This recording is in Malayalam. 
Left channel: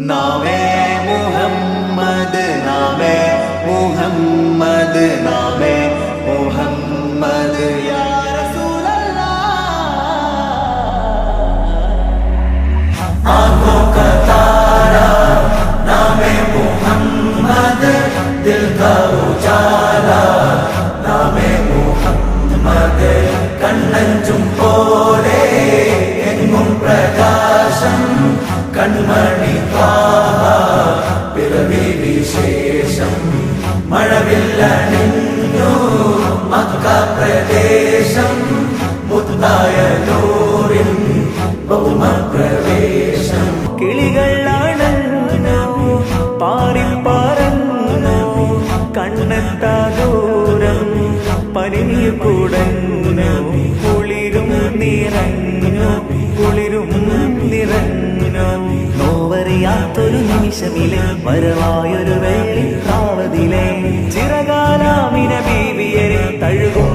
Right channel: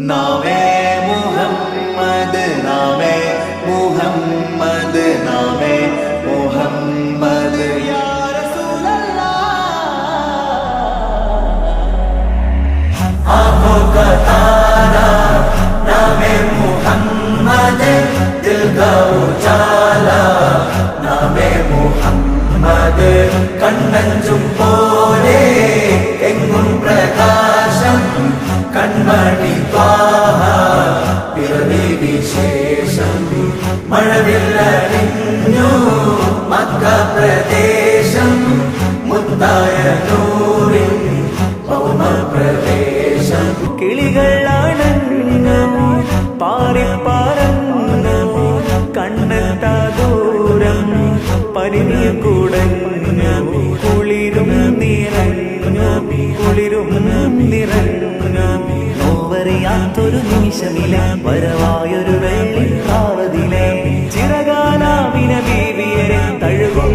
नामे मुहम्मद नामे मुहम्मद नामे मुहम्मद या रसूल अल्लाह। आंखों का तारा नामे मुहम्मद, दिल का उजाला नामे मुहम्मद, कण्णंजुम पोले एंगुम प्रकाशम कण्मणि പിറവി വിശേഷം മഴവില്ലടിഞ്ഞു മക്ക പ്രദേശം മുത്തായ നൂറിൽ ഭൗമ പ്രവേശം. കിളികൾ അണഞ്ഞു പാറിപ്പറന്നു കണ്ണെത്താ ദൂരം പരിനീർ കുടഞ്ഞു കുളിരും നിറഞ്ഞു കുളിരും നിറഞ്ഞു. നോവറിയാത്തൊരു നിമിഷമിലെ വരവായൊരു വെള്ളിപ്രാവതിലെ ചിറകാലാമിന ബീവിയരെ തഴുകും